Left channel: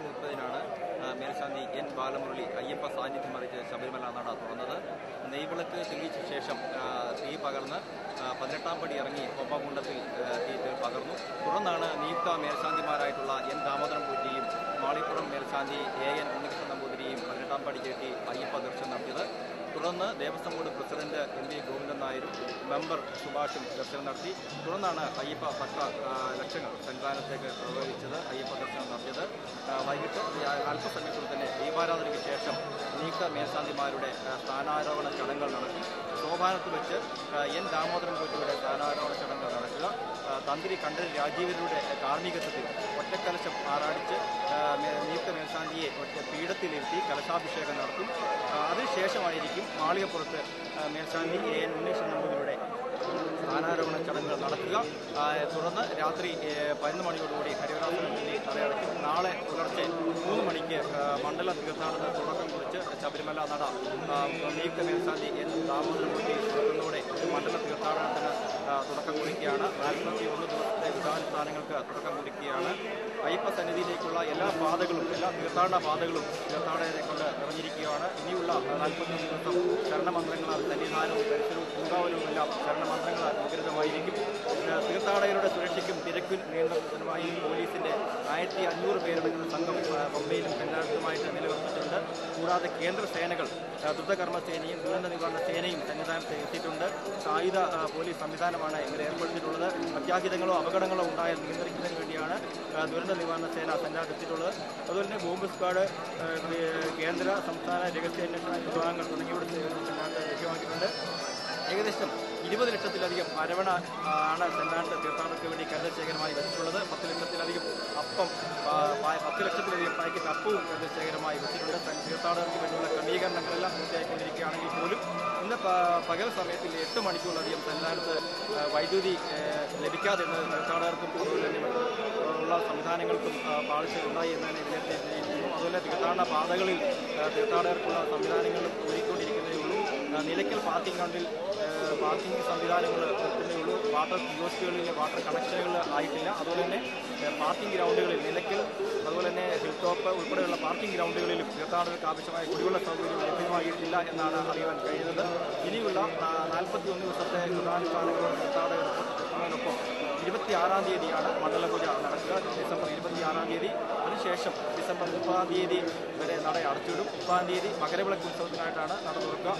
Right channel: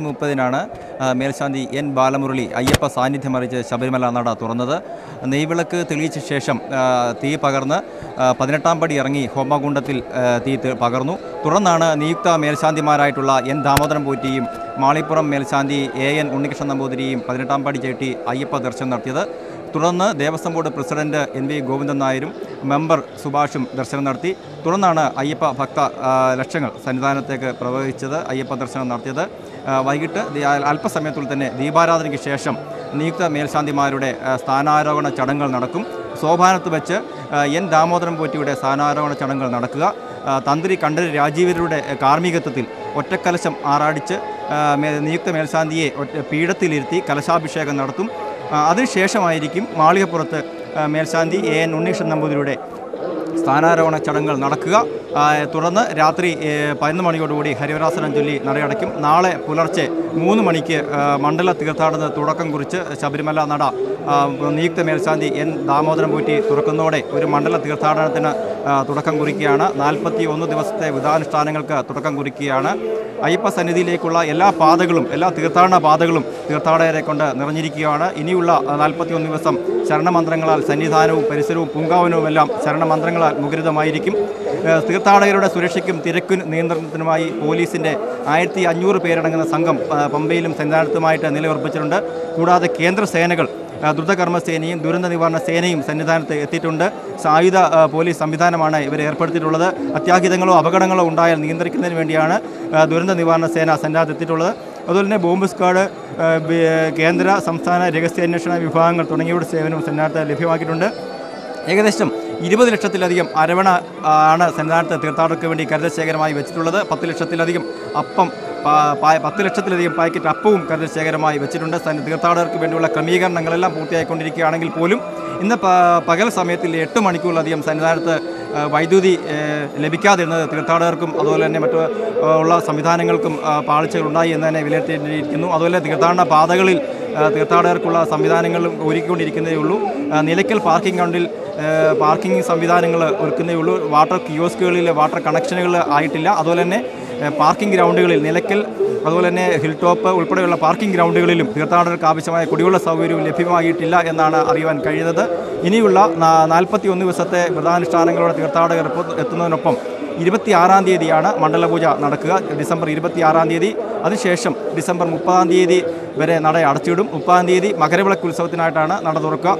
30-നാണ് മേൽശാന്തി എൻ ബാലമുരളി അയ്യപ്പ സാന്നിധ്യം അറിയിച്ച് ശബരിമല നട തുറന്നത്. നെയ്വിളക്ക് തെളിയിച്ച ശേഷം തീ പകർന്ന് 18-ാം പടി ഇറങ്ങി ഹോമകുണ്ടത്തിൽ തീ പകർന്നു. തുടർന്നാണ് നിയുക്ത മേൽശാന്തിമാരായിട്ടുള്ള എൻ ദാമോദരൻ പോറ്റിയും മാളിപ്പുറം മേൽശാന്തി എൻ ഉണ്ണികൃഷ്ണൻ നമ്പൂതിരിയും 18-ാം പടി ചവിട്ടി അയ്യപ്പ ദർശനം നടത്തിയത്. തുടർന്ന് Devaswom board president NV Govindan നായരും മെമ്പർ സുഭാഷും ദർശനം നടത്തി. തുടർന്നാണ് അയ്യപ്പ ഭക്ത ലക്ഷങ്ങൾ സന്നിധാനത്തേക്ക് പ്രവഹിച്ചത്, അയ്യപ്പ ദർശനം നടത്തിയത്. വൈകിട്ട് അല്പസമയത്തിൽ തന്നെ ദീപാരാധനയ്ക്ക് ശേഷം നിയുക്ത മേൽശാന്തിമാരുടെ സ്ഥാനാരോഹണ ചടങ്ങുകൾ നടക്കും. സോപാനത്ത് വെച്ച് എൻ ദാമോദരൻ പോറ്റിയുടെ സ്ഥാനാരോഹണ ചടങ്ങുകൾ നടക്കുക. തന്ത്രി കണ്ഠര് രാജീവരുടെ കാർമ്മികത്വത്തിൽ ഒറ്റക്കലശം ആറാടിച്ച് നിയുക്ത മേൽശാന്തിയെ പീഠത്തിലിരുത്തി കലശാഭിഷേകം നടത്തും. അതിനുശേഷമായിരിക്കും മാളികപ്പുറത്ത് മേൽശാന്തി എൻ ഉണ്ണികൃഷ്ണൻ നമ്പൂതിരിയുടെ സ്ഥാനാരോഹണ ചടങ്ങുകൾ നടക്കുക. തുടർന്ന് രാത്രി 11 മണിയോടുകൂടി ഹരിവരാസനം ചൊല്ലി നടയടയ്ക്കും. നാളെ പുലർച്ചെ 3 മണിക്ക് മണ്ഡല തീർത്ഥാടന തുടക്കം കുറിച്ച് ശബരിമല നട നിയുക്ത മേൽശാന്തി എൻ ദാമോദരൻ പോറ്റി തുറക്കുന്നതോടെ ഒരു മണ്ഡല തീർത്ഥാടനത്തിന് തുടക്കം കുറിക്കുകയാണ്. 41 ദിവസത്തെ വ്രതാനുഷ്ഠാനങ്ങൾക്ക് തുടക്കം കുറിക്കുകയാണ്. അയ്യപ്പ സന്നിധിയിലേക്കുള്ള എല്ലാ പാതകളും, എല്ലാ തീർത്ഥാടന പാതകളും തീർത്ഥാടകരെ കൊണ്ട് നിറഞ്ഞിരിക്കുകയാണ്. ഇനിയുള്ള 41 ദിവസം ശരണമന്ത്രങ്ങളാൽ സന്നിധാനവും പരിസരവും പൂങ്കാവനവുമെല്ലാം ശരണമന്ത്രങ്ങളാൽ മുഖരിതമായിരിക്കും. തീർത്ഥാടകരുടെ സുരക്ഷയ്ക്കും തിരക്കു നിയന്ത്രണത്തിനുമായി പോലീസിൻ്റെ 1500 പേരടങ്ങുന്ന സംഘം പമ്പയിലും സന്നിധാനത്തുമായിട്ട് നിലയുറപ്പിച്ചിട്ടുണ്ട്. കൂടാതെ കേന്ദ്ര സേനകൾ ദ്രുതകർമ്മ സേനയും ദുരന്ത നിവാരണ സേനയും സന്നിധാനത്ത് എത്തിയിട്ടുണ്ട്. സായുധ പോലീസ് സംവിധാനമാണ് ഇവരെ ഏർപ്പെടുത്തിയിട്ടുള്ളത്. അത്യാഹിതങ്ങളോ അപകടങ്ങളോ ഉണ്ടായാൽ നിയന്ത്രിക്കുന്നതിന് വേണ്ടിയാണ് ദുരന്ത നിവാരണ സേന സന്നിധാനത്ത് എത്തിയിട്ടുള്ളത്. അതുപോലെ തന്നെ ബോംബ് സ്ക്വാഡ്, കേന്ദ്ര സംസ്ഥാന രഹസ്യാന്വേഷണ വിഭാഗങ്ങൾ തുടങ്ങിയവരുടെ സേവനവും സന്നിധാനത്ത് ലഭ്യമാക്കിയിട്ടുണ്ട്. ഏകദേശം 20 ലക്ഷത്തിലധികം അരവണ ആണ് സന്നിധാനത്ത് തീർത്ഥാടകർക്ക് വേണ്ടി കരുതൽ ശേഖരമായി വെച്ചിട്ടുള്ളത്. 10 ലക്ഷത്തിലധികം അപ്പം 10 ലക്ഷത്തിലധികം പാക്കറ്റ് അപ്പവും കരുതൽ ശേഖരമായി വെച്ചിട്ടുണ്ട്. തീർത്ഥാടകർക്ക് വേണ്ടിയുള്ള ക്രമീകരണങ്ങളെല്ലാം പൂർത്തിയായിക്കൊണ്ടിരിക്കുകയാണെങ്കിൽ പോലും ഇന്ന് പകൽ സമയത്തിൽ 8 മണിക്കൂറിലധികം സന്നിധാനത്ത് വൈദ്യുതി ലഭിക്കാതിരുന്നത് തീർത്ഥാടകർക്കും അതുപോലെ തന്നെ മറ്റു ഉള്ള സംവിധാനങ്ങൾക്കും പാളിച്ചകളുണ്ടായി എന്ന് തന്നെ വിലയിരുത്തിയിരിക്കുന്നു. അതുപോലെ തീർത്ഥാടന പാതകളിൽ തീർത്ഥാടകർക്കുള്ള സംവിധാനങ്ങളും ഒരുക്കിക്കൊണ്ടിരിക്കുന്നതേ ഉള്ളൂ. നിലയ്ക്കൽ പാർക്കിംഗ് ഗ്രൗണ്ടിൽ പാർക്കിംഗ് സംവിധാനങ്ങൾ ഒരുക്കുന്നതേ ഉള്ളൂ. വാട്ടർ കിയോസ്കുകളിൽ വാട്ടർ കണക്ഷനുകൾ ആയിട്ടില്ല. അതുപോലെ തന്നെ പാർക്കിംഗ് ഗ്രൗണ്ടുകളിൽ നിലയ്ക്കൽ അതുപോലെ തന്നെ ഹിൽ ടോപ്പ് ഉൾപ്പെടെയുള്ള പാർക്കിംഗ് ഗ്രൗണ്ടുകളിലും തീർത്ഥാടകർക്ക് ആവശ്യമായ കുടിവെള്ള സൗകര്യവും ലഭ്യമാകിയിട്ടില്ല എന്നാണ് അറിയുവാൻ കഴിയുന്നത്. ഇനിയുള്ള 41 ദിവസത്തെ വ്രതാനുഷ്ഠാനങ്ങളോടെ തീർത്ഥാടകർ എത്തുന്നതിനൊപ്പം 26-ാം തീയതിയാണ് മണ്ഡലപൂജ നടക്കുക. ഡിസംബർ 26-ാം തീയതി. അതിനുശേഷം ഡിസംബർ 30-ാം തീയതി വരെ നട അടച്ചിടും. 30-ാം തീയതി മകരവിളക്ക് ഉത്സവത്തിനായിട്ടാണ് നട തുറക്കുക.